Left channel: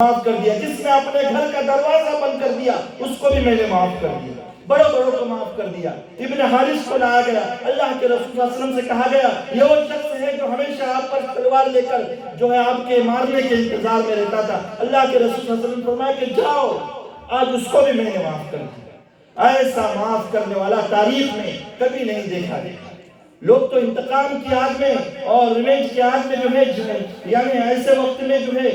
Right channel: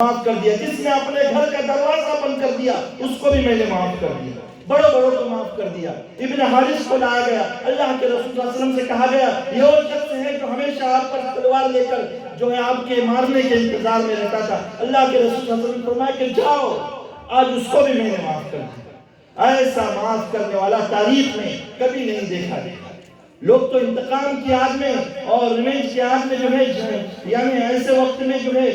معاف کر دیا، جس نے اپنے گھر کا دروازہ بند کر دیا اس کو بھی میں نے معاف کر دیا، بڑوں بڑوں کو معاف کر دیا۔ ابن حارث کو لایا گیا، اللہ کے رسول صلی اللہ علیہ وسلم سے کہا گیا یہ وہ شخص ہے جو ہمیشہ آپ پر تلوار لے کر جو ہے آپ کے مارنے کے انتظار میں رہتا تھا۔ اللہ کے رسول صلی اللہ علیہ وسلم فرمایا کہ جاؤ، آج اس کو بھی میں نے معاف کر دیا۔ ایسا معاف کرنے والا تاریخ میں کبھی نہیں دیکھا گیا۔ لوگ تو انتقام کی آگ میں اور ریونج کی آگ میں جو ہے یعنی ایسے وقت میں جو ہے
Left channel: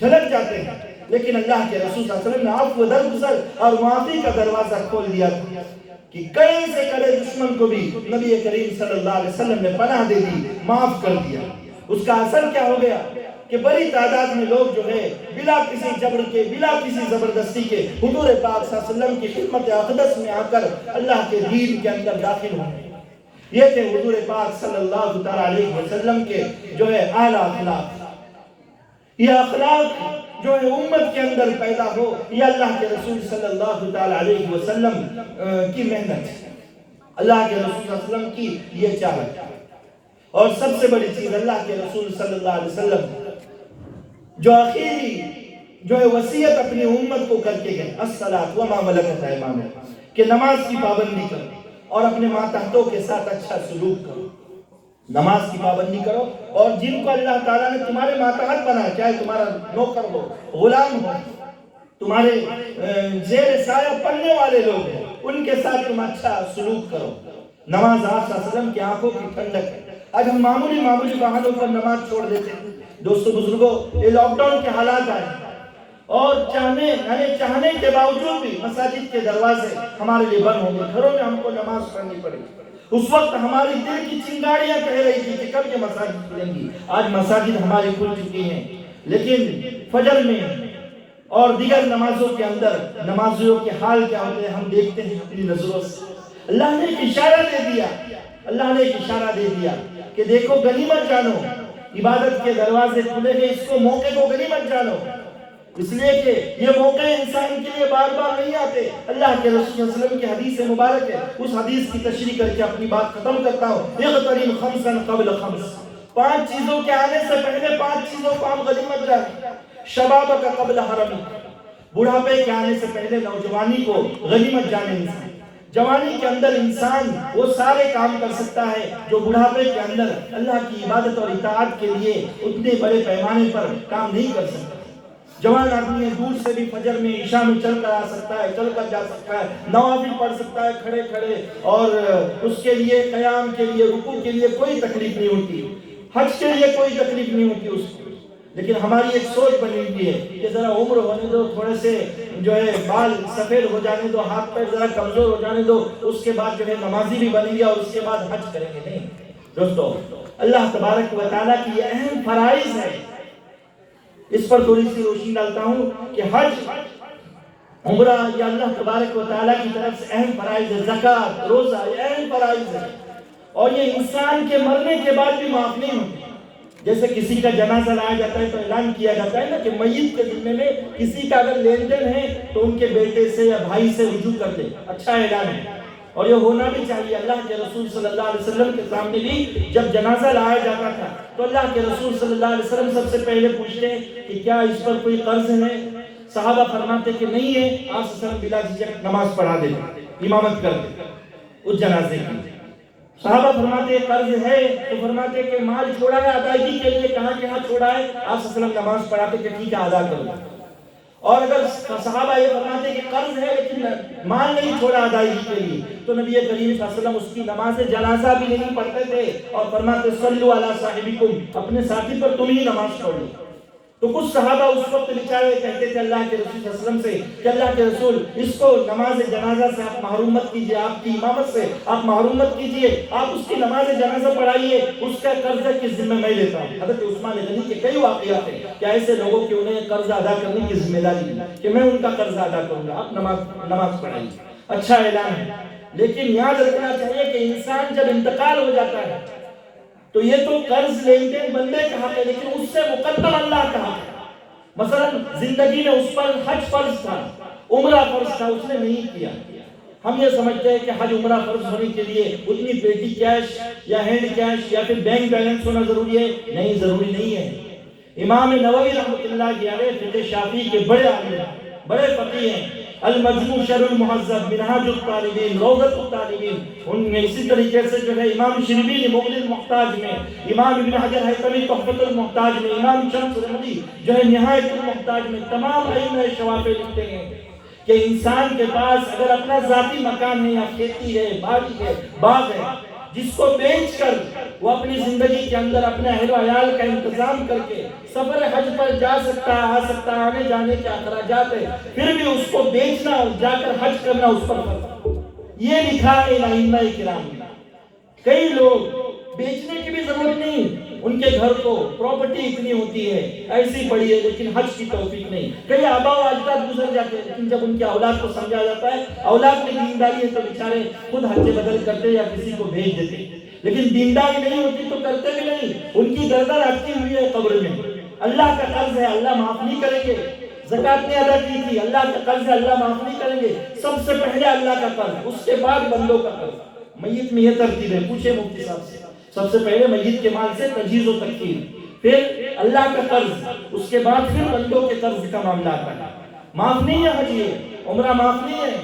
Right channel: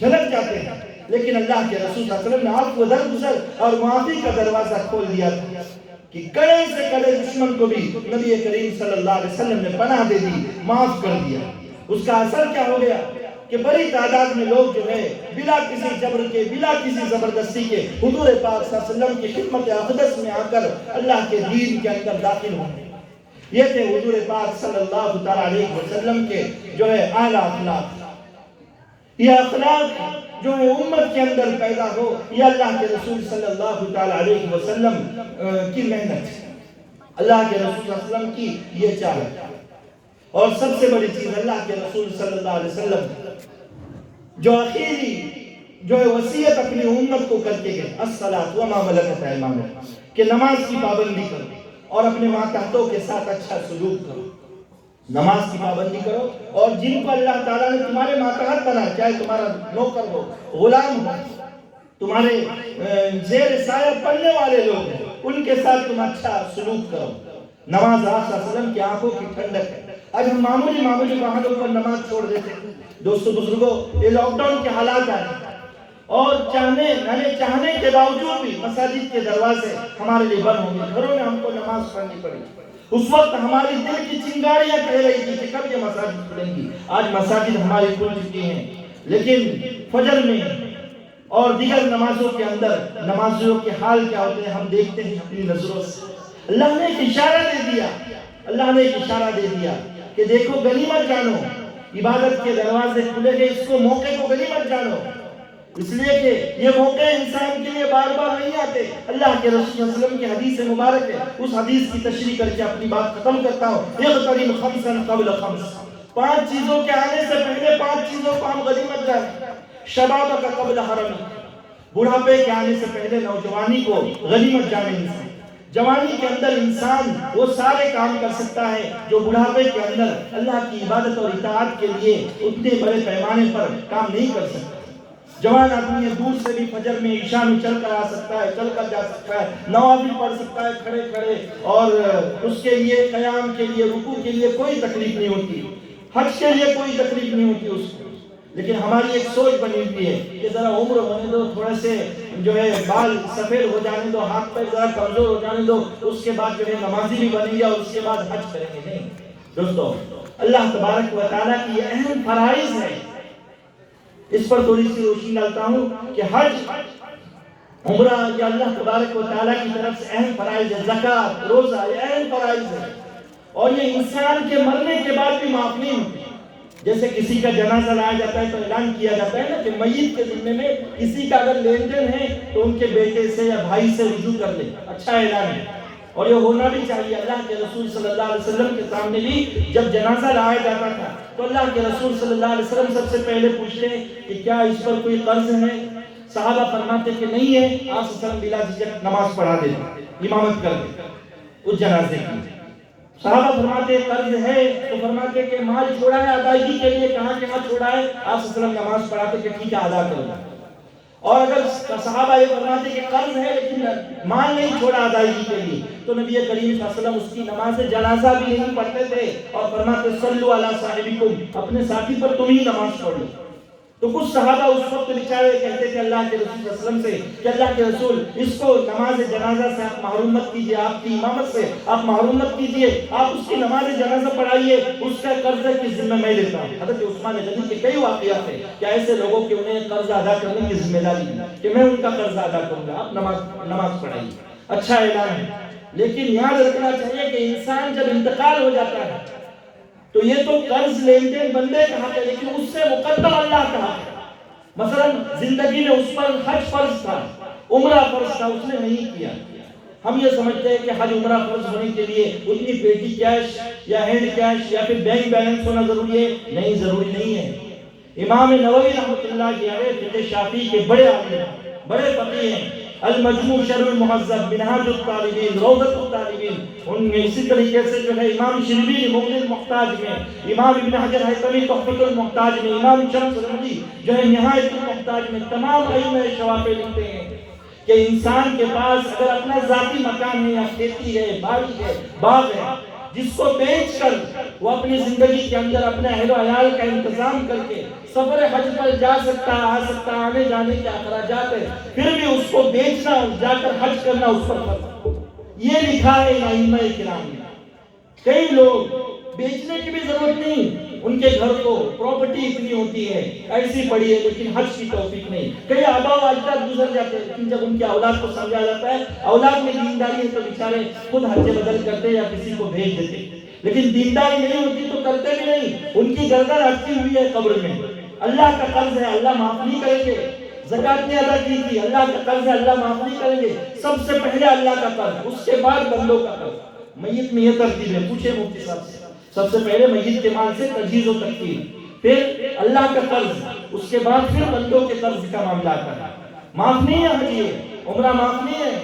جھلک جاتے ہیں، لیکن اللہ کے رسول صلی اللہ علیہ وسلم نے آپ کو درگزر اور معافی کا دروازہ کھول دیا کہ کڑے سے کڑے دشمن کو بھی نبی کریم صلی اللہ علیہ وسلم نے پناہ دے دی، معاف کر دیا۔ اس کا اثر کیا ہو گیا کہ بڑی تعداد میں لوگ جو ہے بلا کسی جبر کے، بلا کسی زبردستی کے حضور پاک صلی اللہ علیہ وسلم کی خدمت اقدس میں آ کر اللہ کے دین کے اندر داخل ہوئے۔ یہ تھے حضور پاک صلی اللہ علیہ وسلم کے جو ہے اعلیٰ اخلاق۔ یہ اخلاق جو ہے امت کے اندر پیدا ہو، یہ اللہ کے رسول صلی اللہ علیہ وسلم کی محنت ہے، اللہ کے رسول صلی اللہ علیہ وسلم کی یہ چاہت ہے۔ اور سب سے بڑی چیز اللہ کے رسول صلی اللہ علیہ وسلم جو آخری جو ہے وصیت اپنی امت کو کر کے گئے، الصلاۃ وما ملکت ایمانکم، کہ نماز کی پابندی کرو اور اپنے ماتحتوں کے ساتھ اچھا سلوک کرو۔ نماز کی پابندی کرو، اور جن کو اللہ تعالیٰ نے تمہارے ماتحت بنا، چاہے تمہارا نوکر ہو، غلام ہو، تمہارے زیر سایہ پڑھنے والے لوگ ہیں، ان کے ساتھ تم اچھا سلوک کرو۔ نماز آپ صلی اللہ علیہ وسلم کی آنکھوں کی ٹھنڈک ہے۔ آج ہم معمولی بہانوں پر نماز چھوڑ دیتے ہیں۔ دوستو بزرگوں، یہ لاک ڈاؤن کے حالات آئے اور چاہنے کے باوجود بھی مساجد کے دروازے ہمارے لیے بند ہوں گے، گھروں میں ہم کو نماز پڑھنی پڑے گی۔ اس وقت ہماری دل کی چنگاریاں کہہ رہی تھی کہ کب یہ مساجد کھلیں گی۔ آج مساجد ہماری کھل چکی ہیں، لیکن فجر میں اور دیگر نمازوں کے اندر نمازیوں کے حال کیا ہوتے ہیں ہم دیکھتے ہیں اپنی نظروں سے۔ اللہ نے ایک اشارہ دے دیا کہ دیکھو غنیمت جانو، عبادت کے دروازے کھلے گئے، اس کو موقع کو غنیمت جانو، اس لیے کہ یہ موقع انسان کے لیے بار بار نہیں آتے۔ اللہ کے رسول صلی اللہ علیہ وسلم کی حدیث مبارک ہے، اس حدیث کی تشریح کر کے اپنی بات ختم کرتا ہوں۔ اغتنم خمسا قبل خمس، 5 چیزوں کے آنے سے پہلے 5 چیزوں کو ہم غنیمت جانیں۔ شبابک قبل حرمک، بڑھاپے کے آنے سے پہلے نوجوانی کو غنیمت جانے۔ جوانی کے اندر انسان وہ سارے کام کر سکتا ہے جو بڑھاپے کے اندر اللہ کی عبادت اور اطاعت کے لیے اتنے بڑے پیمانے پر کام نہیں کر سکتا۔ جوان آدمی دور سے بھی فجر میں عشاء میں چل کر آ سکتا ہے، چل کر جا سکتا ہے، نوافل پڑھ سکتا ہے کھڑے کھڑے، اور اس کے لیے قیام کے لیے رکوع کے لیے کوئی تکلیف نہیں ہوتی، حج کے لیے کوئی تکلیف نہیں ہوتی اس کو۔ لیکن ہماری ایک سوچ بنی ہوئی ہے کہ ذرا عمر ہونے دو، تھوڑے سے جو ہے بال سفید ہو جانے دو، ہاتھ پیر ذرا کمزور ہو جانے دو، اس کے بعد جو ہے نمازی بھی بنیں گے اور اس کے بعد حج کریں گے۔ نہیں دوستو، اللہ تبارک و تعالیٰ کی یہ اہم فرائض ہے، اس پر تھوڑی سی روشنی ڈالتا ہوں کہ حج، عمرہ یہ اللہ تبارک و تعالیٰ کی طرف سے اہم فرائض ہے۔ زکوٰۃ، روزہ یہ اہم فرائض ہے، اور یہ انسان کے مرنے کے بعد بھی معاف نہیں ہوتے۔ جیسے کسی کا جنازہ لایا جاتا ہے تو اعلان کیا جاتا ہے نا کہ میت کے ذمے میں کسی کا اگر لین دین ہے تو ان کے بیٹے سے یا بھائی سے رجوع کر لے، اچھا اعلان ہے، اور یہ ہونا بھی چاہیے۔ اللہ کے رسول صلی اللہ علیہ وسلم کے سامنے بھی جب جنازہ لایا جاتا تھا تو اللہ کے رسول صلی اللہ علیہ وسلم سب سے پہلے پوچھتے کہ کیا اس پر کوئی قرض ہے؟ صحابہ فرماتے کہ نہیں ہے۔ آپ صلی اللہ علیہ وسلم بلا جھجک نماز پڑھا دیتے، امامت کر دیتے اس جنازے کی۔ صحابہ فرماتے قرض ہے تو فرماتے کہ مال چھوڑا ہے ادائیگی کے لیے، کہاں کہاں چھوڑا ہے؟ آپ صلی اللہ علیہ وسلم نماز پڑھاتے کہ ٹھیک ہے ادا کرو۔ اور اگر صحابہ یہ فرماتے کہ قرض ہے لیکن مال نہیں چھوڑا ادائیگی کے لیے، تو نبی کریم صلی اللہ علیہ وسلم اس کی نماز جنازہ بھی نہیں پڑھتے تھے اور فرماتے صلوا علی صاحبکم، اپنے ساتھی پر تم ہی نماز پڑھ لو۔ تو کچھ صحابہ اس وقت بچارے کہتے تھے اللہ کے رسول صلی اللہ علیہ وسلم سے کہ اللہ کے رسول اس کو نماز جنازہ سے آپ محروم مت کیجئے، آپ کی امامت سے آپ محروم مت کیجئے، آپ اس کی نماز جنازہ پڑھائیے، اس کا قرض کی ذمہ میں لیتا ہوں۔ حضرت عثمان غنی کے کئی واقعات ہیں کہ ایسے لوگوں کے انہیں قرض ادا کرنے کی ذمہ داری ہے کہ میں ان کا قرض ادا کروں گا، آپ نماز پڑھائیے، اچھا اعلان ہے۔ لیکن یاد رکھنا چاہیے کہ انسان جب انتقال ہو جاتا ہے تو یہ تو قرض لین دین بندے کا حق ہے، لیکن اس سے مقدم اللہ کا حق ہے۔ مثلا زندگی میں اس پر حج فرض تھا، عمرہ فرض تھا، اس نے نہیں کیا۔ ہم یہ سمجھتے ہیں کہ حج عمرہ فرض ہونے کے لیے اتنی پیٹی کیش یا ہینڈ کیش یا پھر بینک بیلنس ہونا ضروری ہے، نہیں ضروری نہیں ہے۔ امام نووی رحمۃ اللہ علیہ فقہ شافعی کے بڑے عالم، بڑے فقیہ ہیں۔ المجموع شرح المہذب، منہاج الطالبین، روضۃ الطالبین، ان میں اسی طریقے سے جو ہے امام شربینی مغنی المحتاج میں، امام ابن حجر حیثمی تحفۃ المحتاج میں، امام شمس رملی جو ہے نہایت المحتاج میں، تمام ائمہ شوافع لکھتے ہیں کہ انسان کے پاس اگر اپنا ذاتی مکان ہے یا کھیتی ہے، باغی ہے، باغ ہے، جس کو بیچ کر وہ اپنی زندگی کے اندر اپنے اہل و عیال کا انتظام کر کے سفر حج پر جا سکتا ہے، آ سکتا ہے، آنے جانے کے اخراجات ہے، پھر بھی اس کو بیچنا، جا کر حج کرنا اس پر فرض، یہ لکھا ہے ان ائمہ کرام نے۔ کئی لوگ بیچنے کی بھی ضرورت نہیں، ان کے گھر کو پراپرٹی اتنی ہوتی ہے، ایسی بڑی ہے، لیکن حج کی توفیق نہیں۔ کئی آبا و اجداد گزر جاتے ہیں، لیکن جب ان کے اولاد کو سمجھا جاتا ہے، اولاد میں دینداری ہے تو بیچارے خود حج بدل کرتے یا کسی کو بھیج دیتے، لیکن دینداری نہیں ہوتی تو کرتے بھی نہیں، ان کی گردن اٹکی ہوئی ہے قبر میں۔ اللہ کا قرض ہے، اللہ معاف نہیں کریں گے۔ زکات نے ادا کی تھی، اللہ کا قرض ہے، اللہ معاف نہیں کریں گے۔ سب سے پہلے اللہ کا قرض، اس کے بعد بندوں کا قرض۔ میت میں یہ ترتیب ہے، پوچھے مفتی صاحب سے، سب سے پہلے میت کے مال سے تجہیز و تکفین، پھر اللہ کا قرض، اس کے بعد پھر بندوں کے قرض کا معاملہ آتا ہے۔ معاف نہیں ہے حج، یہ عمرہ معاف نہیں ہے،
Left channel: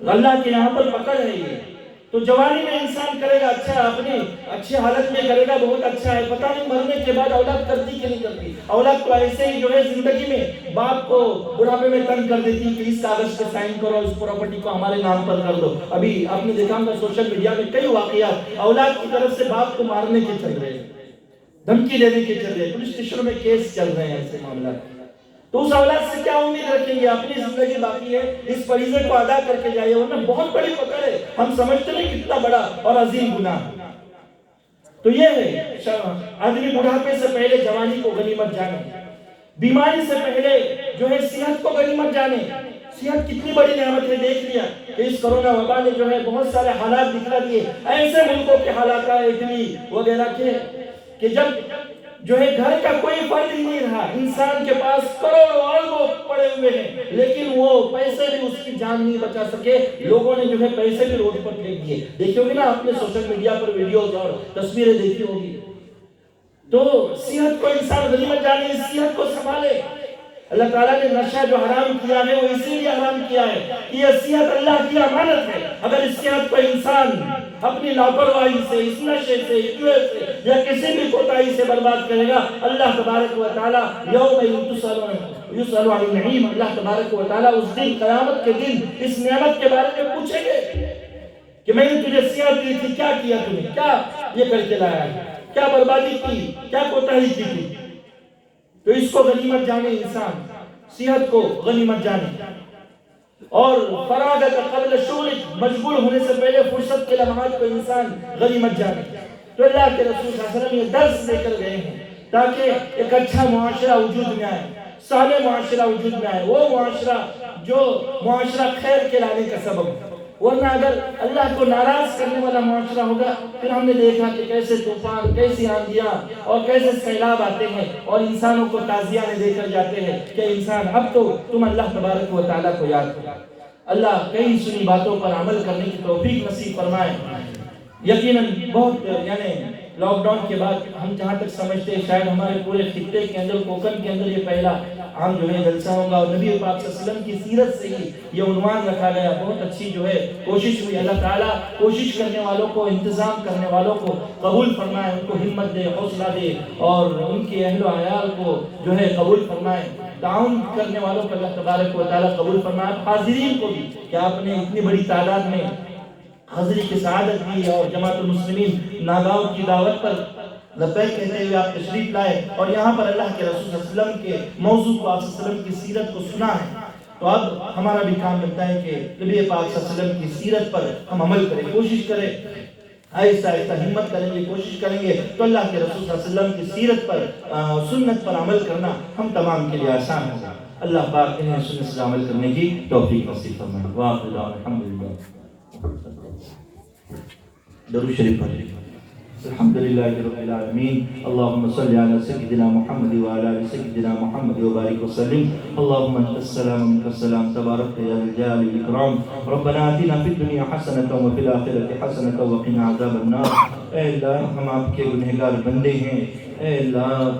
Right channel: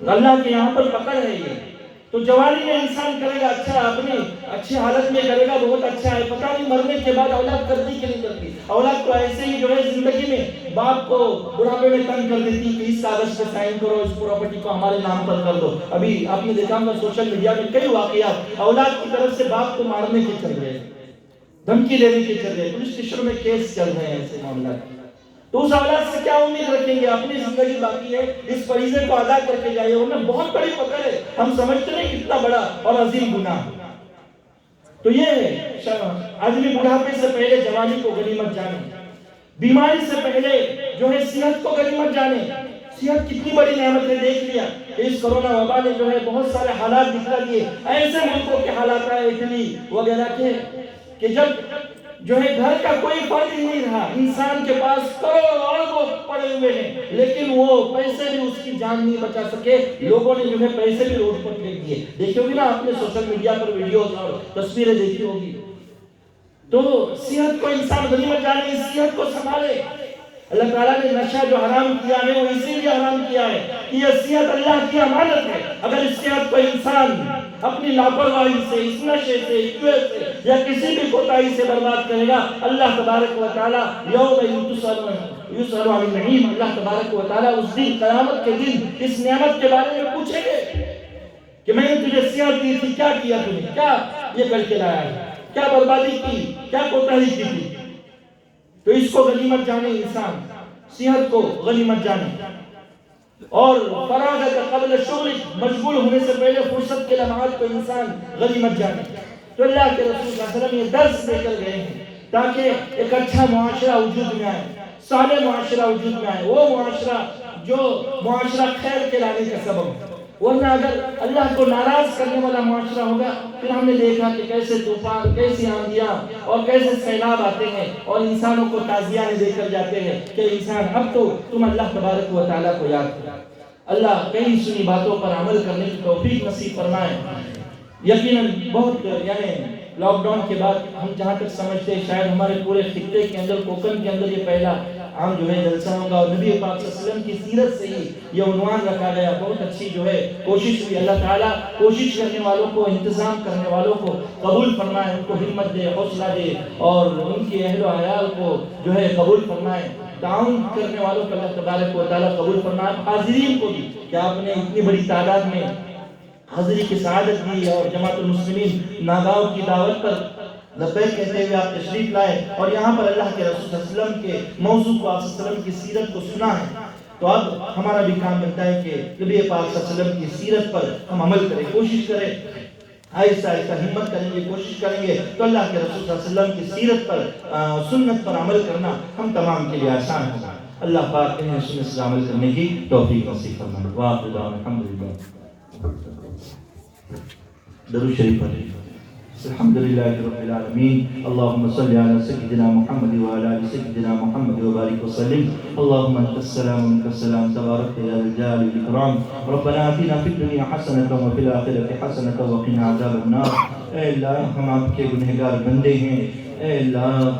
اللہ کے یہاں پر پکڑ ہے یہ۔ تو جوانی میں انسان کرے گا اچھا، اپنی اچھی حالت میں کرے گا بہت اچھا ہے، پتہ نہیں مرنے کے بعد اولاد کرتی کہ نہیں کرتی۔ اولاد تو ایسے ہی جو ہے زندگی میں باپ کو بڑھاپے میں تنگ کر دیتی کہ اس کاغذ پہ سائن کرو، اس پراپرٹی کو ہمارے نام پر کر دو۔ ابھی آپ نے دیکھا ہوگا سوشل میڈیا میں کئی واقعات اولاد کی طرف سے باپ کو مارنے کے چل رہے، دھمکی دینے کے چل رہے، پولیس اسٹیشن میں کیس چل رہے ہیں ایسے معاملات۔ تو اس اولاد سے کیا امید رکھیں گے؟ اپنی زندگی باقی ہے، اس فریضے کو ادا کر کے جائے، ورنہ بہت بڑی پکڑ ہے، ہم سمجھتے نہیں کتنا بڑا اور عظیم گناہ۔ تو یہ ہے آدمی بڑھاپے سے پہلے جوانی کو غنیمت جانے، بیماری سے پہلے جو ہے صحت کو غنیمت جانے۔ صحت کتنی بڑی نعمت ہے، دیکھ لیا کہ اس کورونا وبا نے جو ہے بہت سارے حالات دکھا دیے، ایسے ملکوں کے حالات ہیں اٹلی وغیرہ کے کہ جب جو ہے گھر کا کوئی فرد ہی نہیں رہا، انسان کے پاس کروڑوں اربوں پڑے ہوئے ہیں، لیکن وہ پیسے بھی اس کی جان نہیں بچا سکے، لوگوں نے جو ہے پیسے بھی روڈ پر پھینک دیے۔ دیکھو گے نا آپ نے سوشل میڈیا پر ویڈیوز اور تصویریں دیکھی ہوگی۔ تو صحت کو انسان غنیمت جانے، اس صحت کو سنبھالے۔ اللہ تعالیٰ نے نشہ جو حرام کیا ہے وہ اسی لیے حرام کیا ہے کہ یہ صحت اللہ کی امانت ہے۔ اگر اس صحت کو انسان اپنی لاپرواہی سے، اس نشے سے، سے یا کسی بھی کوتاہی سے برباد کرے گا، اللہ تبارک و تعالیٰ یوم یسأل عن النعیم، اللہ تبارک و تعالیٰ اس دن قیامت کے دن اس نعمت کے بارے میں پوچھیں گے کہ میں نے تجھے صحت دی تھی، کیا کیا تم نے، کیا یہ کر کے لایا ہے، کیا بربادی کی، کیا کوتاہی کی تھی۔ تو اس کو غنیمت جانے، انسان صحت کو غنیمت جانے، اور فراغت قبل شغل، مشغول ہونے سے پہلے فرصت کے لمحات کو انسان غنیمت جانے۔ تو اللہ کے رسول صلی اللہ علیہ وسلم یہ درس لے کر گئے ہیں تاکہ ایک اچھا معاشرہ وجود میں آئے، صالح معاشرہ وجود میں آئے، وہ معاشرہ جو معاشرہ خیر کے لانے کا سبب ہے۔ ورنہ اگر اللہ کو ناراض کرنے والا معاشرہ ہوگا، پھر ہم نے دیکھا کہ کیسے طوفان، کیسی آندیاں اور کیسے سیلاب آتے ہیں اور انسانوں کو تعزیہ دے کر جاتے ہیں کہ انسان اب تو تم اللہ تبارک و تعالیٰ کو یاد کرو۔ اللہ کئی سنی باتوں پر عمل کرنے کی توفیق نصیب فرمائے۔ یقیناً بہت لاک ڈاؤن کے بعد ہم جہاں تک سمجھتے ہیں شاید ہمارے پورے خطے کے اندر، کوکن کے اندر یہ پہلا عام جو ہے جلسہ ہوگا، اور نبی پاک صلی اللہ علیہ وسلم کی سیرت سے ہی یہ عنوان رکھا گیا۔ بہت اچھی جو ہے کوشش ہوئی، اللہ تعالیٰ کوشش کرنے والوں کو، انتظام کرنے والوں کو قبول فرمائے، ان کو ہمت دے، حوصلہ دے، اور ان کے اہل و عیال کو جو ہے قبول فرمائے۔ تعاون کرنے والوں کو اللہ تبارک و تعالیٰ قبول فرمائے۔ حاضرین کو بھی کہ آپ نے اتنی بڑی تعداد میں حاضری کی سعادت دی اور جماعت المسلمین ناگاؤں کی دعوت پر لبیک کہتے ہوئے آپ تشریف لائے اور یہاں پر اللہ کے رسول صلی اللہ علیہ وسلم کے موضوع کو، آپ صلی اللہ علیہ وسلم کی سیرت کو سنا ہے۔ تو اب ہمارا بھی کام بنتا ہے کہ نبی پاک صلی اللہ علیہ وسلم کی سیرت پر ہم عمل کریں، کوشش کریں، آہستہ آہستہ ہمت کریں گے، کوشش کریں گے تو اللہ کے رسول صلی اللہ علیہ وسلم کی سیرت پر، سنت پر عمل کرنا ہم تمام کے لیے آسان ہوگا۔ اللہ پاک انہیں سنت سے عمل کرنے کی توفیق نصیب فرمائے۔ وآخر دعوانا الحمدللہ۔ درود شریف پڑھیں۔ الحمدللہ رب العالمین، اللہم صلی علی سیدنا محمد وعلی آل سیدنا محمد وبارک وسلم۔ اللہم انت السلام و منک السلام، تبارک یا ذا الجلال والاکرام۔ ربنا آتنا فی الدنیا حسنۃ وفی الآخرۃ حسنۃ وقنا عذاب النار۔ اے اللہ، ہم آپ کے گنہگار بندے ہیں، اے اللہ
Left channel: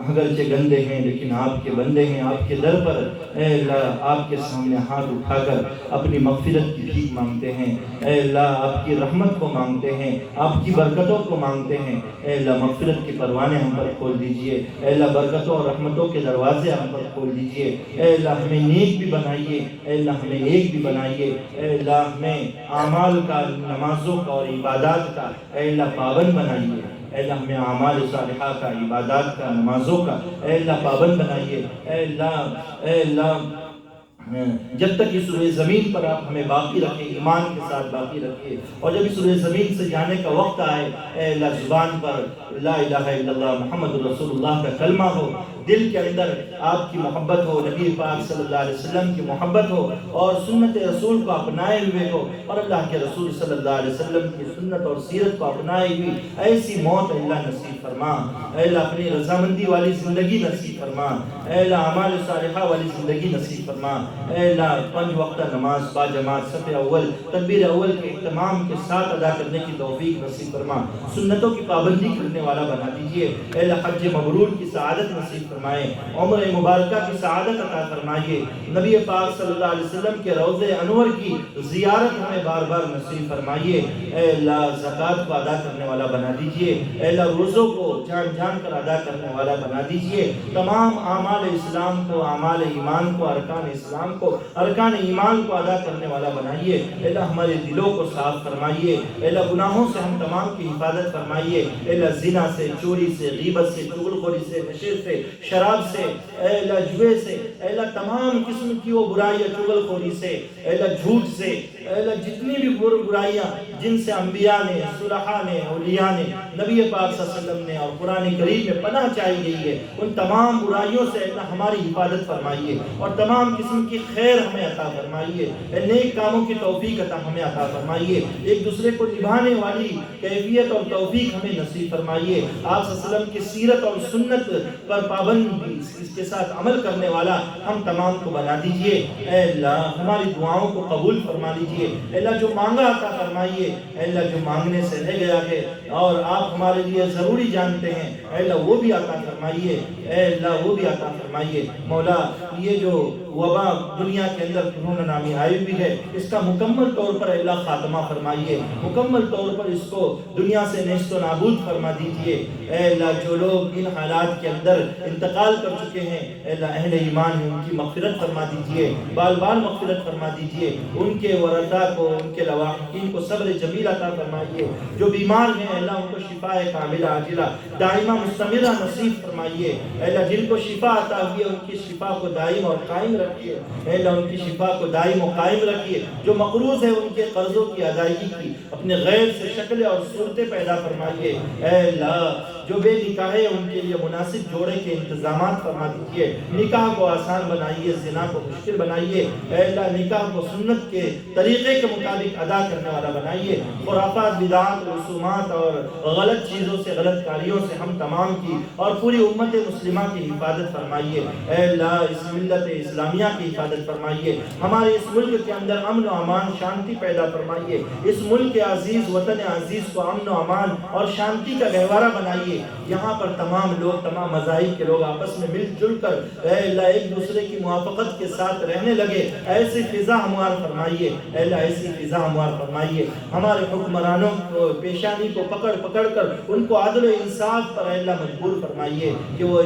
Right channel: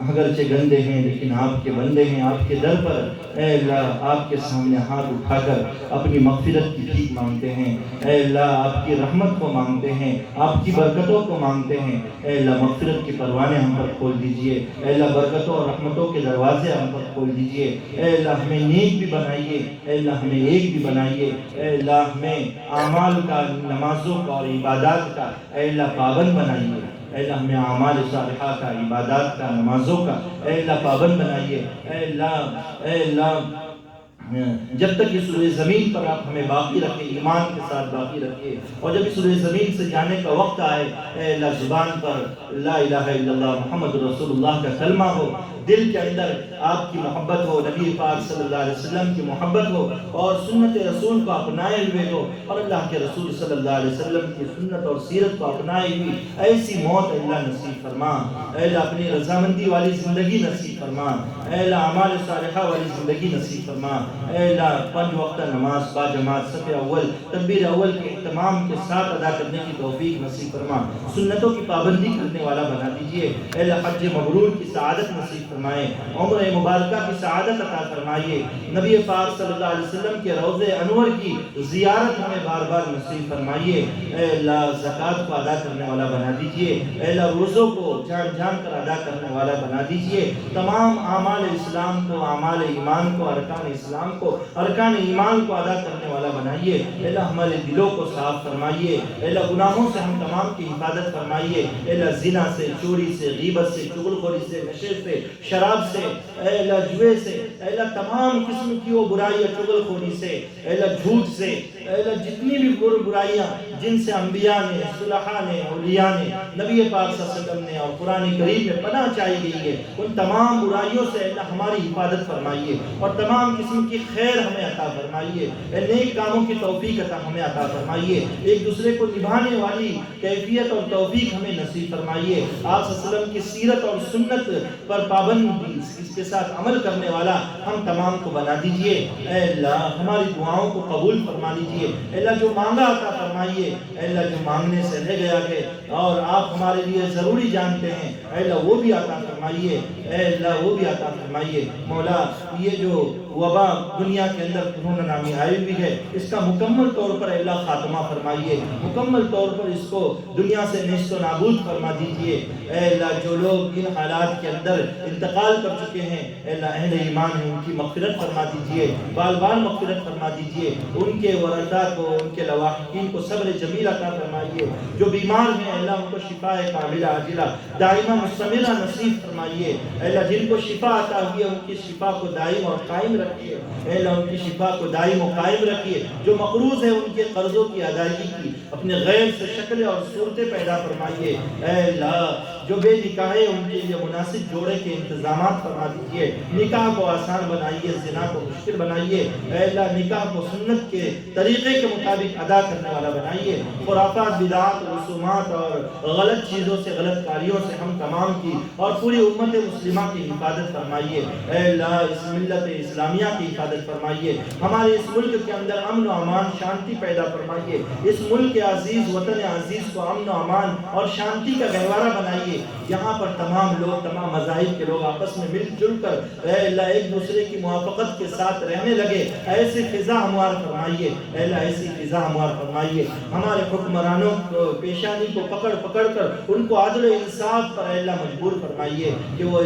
اگرچہ گندے ہیں لیکن آپ کے بندے ہیں، آپ کے در پر اے اللہ آپ کے سامنے ہاتھ اٹھا کر اپنی مغفرت کی بھیک مانگتے ہیں، اے اللہ آپ کی رحمت کو مانگتے ہیں، آپ کی برکتوں کو مانگتے ہیں، اے اللہ مغفرت کے پروانے ہم پر کھول دیجئے، اے اللہ برکتوں اور رحمتوں کے دروازے ہم پر کھول دیجئے، اے اللہ ہمیں نیک بھی بنائیے، اے اللہ ہمیں ایک بھی بنائیے، اے اللہ ہمیں اعمال کا، نمازوں کا اور عبادات کا اے اللہ پابند بنائیے، اے اللہ ہمیں اعمال صالحہ کا، عبادات کا، نمازوں کا اے اللہ پابند بنائیے، اے اللہ جب تک اس روئے زمین پر آپ ہمیں باقی رکھیں، ایمان کے ساتھ باقی رکھیں، اور جب اس روئے زمین سے جانے کا وقت آئے اے اللہ زبان پر لا الہ الا اللہ محمد رسول اللہ کا کلمہ ہو، دل کے اندر آپ کی محبت ہو، نبی پاک صلی اللہ علیہ وسلم کی محبت ہو، اور سنت رسول کو اپنائے ہوئے ہو، اور اللہ کے رسول صلی اللہ علیہ وسلم کی سنت اور سیرت کو اپنائے ہوئی ایسی موت اللہ نصیب فرما، اے اللہ اپنی رضامندی والی زندگی نصیب فرما، اے اللہ اعمال صالحہ والی زندگی نصیب فرما، اے اللہ 5 وقتہ نماز با جماعت صف اول تکبیر اول کے اہتمام کے ساتھ ادا کرنے کی توفیق نصیب فرما، سنتوں کی پابندی کرنے والا بنا دیجئے، اے اللہ حج مبرور کی سعادت نصیب فرمائے، عمر مبارکہ کی سعادت عطا فرمائیے، نبی پاک صلی اللہ علیہ وسلم کے روض انور کی زیارت ہمیں بار بار نصیب فرمائیے، اے اللہ زکوٰۃ کو ادا کرنے والا بنا دیجئے، اے اللہ روزوں کو جان جان کر ادا کرنے والا بنا دیجئے، تمام اعمال اسلام کو، اعمال ایمان کو، ارکان اسلام کو، ارکان ایمان کو ادا کرنے والا بنائیے، اے اللہ ہمارے دلوں کو صاف فرمائیے، اے اللہ گناہوں سے ہم تمام کی حفاظت فرمائیے، اے اللہ زنا سے، چوری سے، غیبت سے، چغلخوری سے، نشے سے، شراب سے، اے اللہ جوے سے، اے اللہ تمام قسم کی وہ برائیاں، چغلخوری سے، اے اللہ جھوٹ سے، اے اللہ جتنی بھی برائیاں جن سے انبیاء نے، صلحاء نے، اولیاء نے، نبی پاک صلی اللہ علیہ وسلم نے اور قرآن کریم میں پناہ چاہی گئی ہے، ان تمام برائیوں سے اے اللہ ہماری حفاظت فرمائیے، اور تمام قسم کی خیر ہمیں عطا فرمائیے، نیک کاموں کی توفیق عطا ہمیں عطا فرمائیے، ایک دوسرے کو نبھانے والی کیفیت اور توفیق ہمیں نصیب فرمائیے، آپ صلی اللہ علیہ وسلم کی سیرت اور سنت پر پابندی اس کے ساتھ عمل کرنے والا ہم تمام کو بنا دیجئے، اے اللہ ہماری دعاؤں کو قبول فرما لیجئے، اے اللہ جو مانگا عطا فرمائیے، اے اللہ جو مانگنے سے رہ گیا ہے اور آپ ہمارے لیے ضروری جانتے ہیں، اے اللہ وہ بھی عطا فرمائیے، اے اللہ وہ بھی عطا فرمائیے، مولا یہ جو وبا دنیا کے اندر کورونا نامی آئی ہوئی ہے اس کا مکمل طور پر اللہ خاتمہ فرمائیے، مکمل طور پر اس کو دنیا سے نیست و نابود فرما دیجئے، اے اللہ جو لوگ ان حالات کے اندر انتقال کر چکے ہیں اے اللہ اہل ایمان ہیں ان کی مغفرت فرما دیجئے، بال بال مغفرت فرما دیجئے، ان کے ورثاء کو، ان کے لواحقین کو صبر جمیل عطا فرمائیے، جو بیمار ہیں اے اللہ ان کو شفاء کاملہ عاجلہ دائمہ مستمرہ نصیب فرمائیے، اے اللہ جن کو شفا عطا ہوئی ہے ان کی شفا کو دائم اور قائم رکھیے، اے اللہ ان کی شفا کو دائم و قائم رکھیے، جو مقروض ہے ان کے قرضوں کی ادائیگی کی اپنے غیر سے شکلیں اور صورتیں پیدا فرمائیے، اے اللہ جو بے نکاح ہے ان کے لیے مناسب جوڑے کے انتظامات فرما دیجیے، نکاح کو آسان بنائیے، زنا کو مشکل بنائیے، اے اللہ نکاح کو سنت کے طریقے کے مطابق ادا کرنے والا بنائیے، خرافات، بدعات، رسومات اور غلط چیزوں سے، غلط کاریوں سے ہم تمام کی اور پوری امت مسلمہ کی حفاظت فرمائیے، اے اللہ اس ملت اسلامیہ کی حفاظت فرمائیے، ہمارے اس ملک کے اندر امن و امان شانتی پیدا فرمائیے، اس ملک عزیز، وطن عزیز کو امن و امان اور شانتی کا گہوارہ بنائیے، یہاں پر تمام لوگ، تمام مذاہب کے لوگ آپس میں مل جل کر اے اللہ ایک دوسرے کی موافقت کے ساتھ رہنے لگے، ایسی فضا ہموار فرمائیے، اے اللہ ایسی فضا ہموار فرمائیے، ہمارے حکمرانوں کو پیشانی کو پکڑ پکڑ کر ان کو عدل و انصاف پر اے اللہ مجبور فرمائیے کہ وہ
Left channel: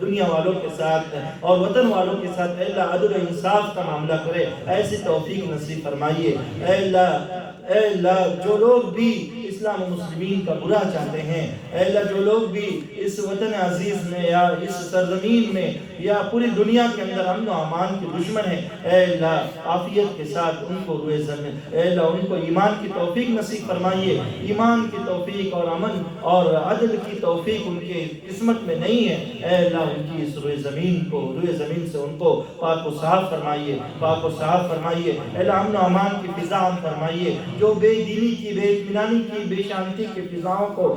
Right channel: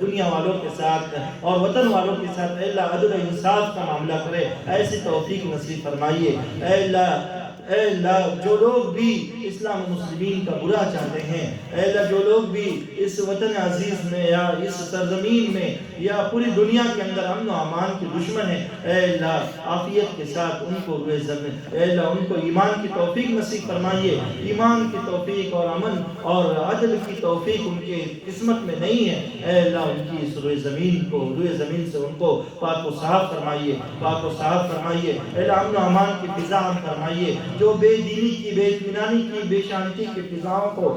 دنیا والوں کے ساتھ اور وطن والوں کے ساتھ اے اللہ عدل و انصاف کا معاملہ کرے، ایسی توفیق نصیب فرمائیے، اے اللہ جو لوگ بھی اسلام و مسلمین کا برا چاہتے ہیں، اے اللہ جو لوگ بھی اس وطن عزیز میں یا اس سرزمین میں یا پوری دنیا کے اندر امن و امان کے دشمن ہیں، اے اللہ عافیت کے ساتھ ان کو روئے زمین، اے اللہ ان کو ایمان کی توفیق نصیب فرمائیے، ایمان کی توفیق اور امن اور عدل کی توفیق ان کے قسمت میں نہیں ہے، اے اللہ ان کی اس روئے زمین سے ان کو پاک و صاف فرمائیے، پاک و صاف فرمائیے، اے اللہ امن و امان کی فضا عام فرمائیے، جو بے دینی کی، بے اطمینانی کی، بے شانتی کی فضاؤں کو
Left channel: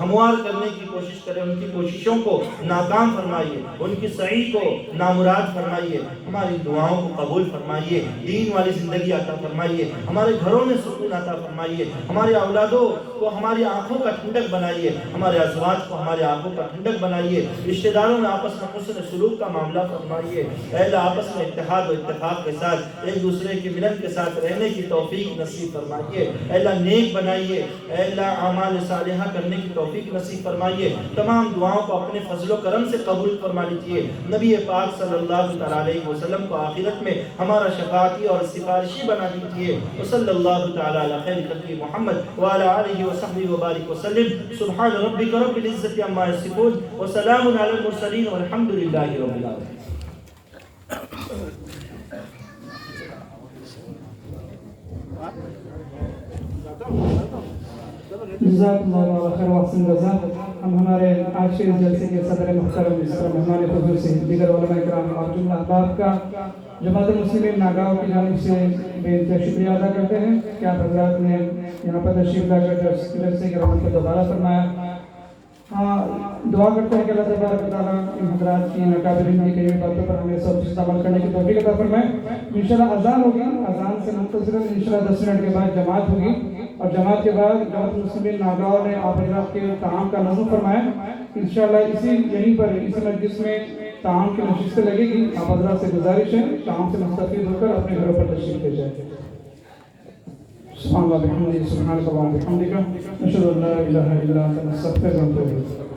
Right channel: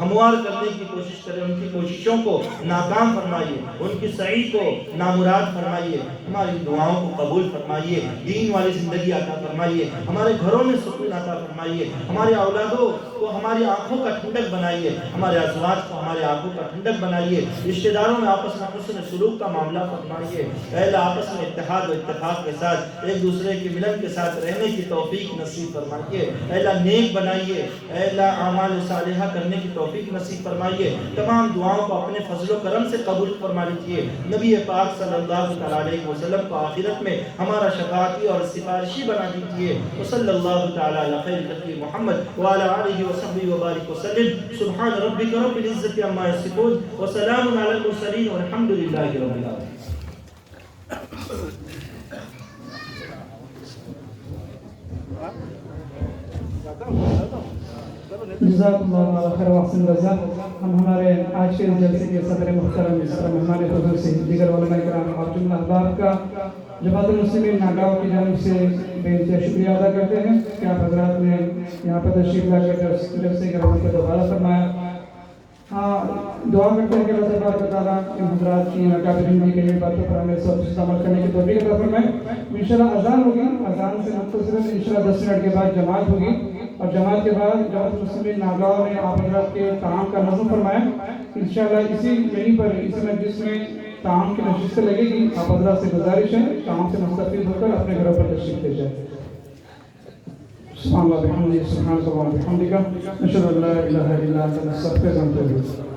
ہموار کرنے کی کوشش کریں، ان کی کوششوں کو ناکام فرمائیے، ان کی سعی کو نامراد فرمائیے، ہماری دعاؤں کو قبول فرمائیے، دین والی زندگی عطا فرمائیے، ہمارے گھروں میں سکون عطا فرمائیے، ہمارے اولادوں کو ہماری آنکھوں کا ٹھنڈک بنائیے، ہمارے ازواج کو ہمارے آنکھوں کا ٹھنڈک بنائیے، رشتہ داروں میں آپس میں حسن سلوک کا معاملہ فرمائیے، اے اللہ آپس میں اتحاد و اتفاق کے ساتھ ایک دوسرے کے ملن کے ساتھ رہنے کی توفیق نصیب فرمائیے، اے اللہ نیک بنائیے، اے اللہ اعمال صالحہ کرنے کی توفیق نصیب فرمائیے، تمام دعاؤں کو اپنے فضل و کرم سے قبول فرما لیجیے، نبی پاک صلی اللہ علیہ وسلم کو آخرت میں ہمارا شفاعتی اور سفارشی بنا دیجیے، وصلی اللہ تعالی علی خیر خلق محمد وعلی آلہ وصحبہ وبارک وسلم، سبحان ربک رب العزت عما یصفون وسلام علی المرسلین والحمد للہ رب العالمین۔ جزاکم اللہ خیر و احسن جزا۔ ہم ہمارے آج کے جلسے کے صدر محترم مہمان حضور سے دیگر علماء کرام اور جملہ احباب کا جماعت المسلمین ناگاؤں کی جانب سے بے انتہا شکریہ ادا کرتے ہیں کہ آپ حضرات نے یہاں پر تشریف لا کر جلسے کے رحمت کو دوبارہ فرمایا۔ دعا کرتے ہیں کہ اللہ تبارک و تعالیٰ ان حضرات کی ناکابرندگی کے لیے باتوں پر ہمیں سب سے عمل کرنے کی توفیق عطا فرمائے۔ انشاءاللہ اذان ہوگی، اذان سے منتظر انشاءاللہ 10 منٹ کے بعد جماعت ہوگی، اور جماعت کے بعد جماعت المسلمین ناگاؤں نے آپ حضرات کے تعام کا نظم فرمایا۔ انشاءاللہ یہیں پر اسی مجلس میں تعام کی نشستیں لگے گی، آپ حضرات سے گزارش ہے تعام سے مستفید ہو کر اپنے گھروں پر تشریف لے جائیں۔ سبحان اللہ بحمدہ، سبحانک اللہم وبحمدک، نشہد ان لا الہ الا انت، نستغفرک ونتوب الیک۔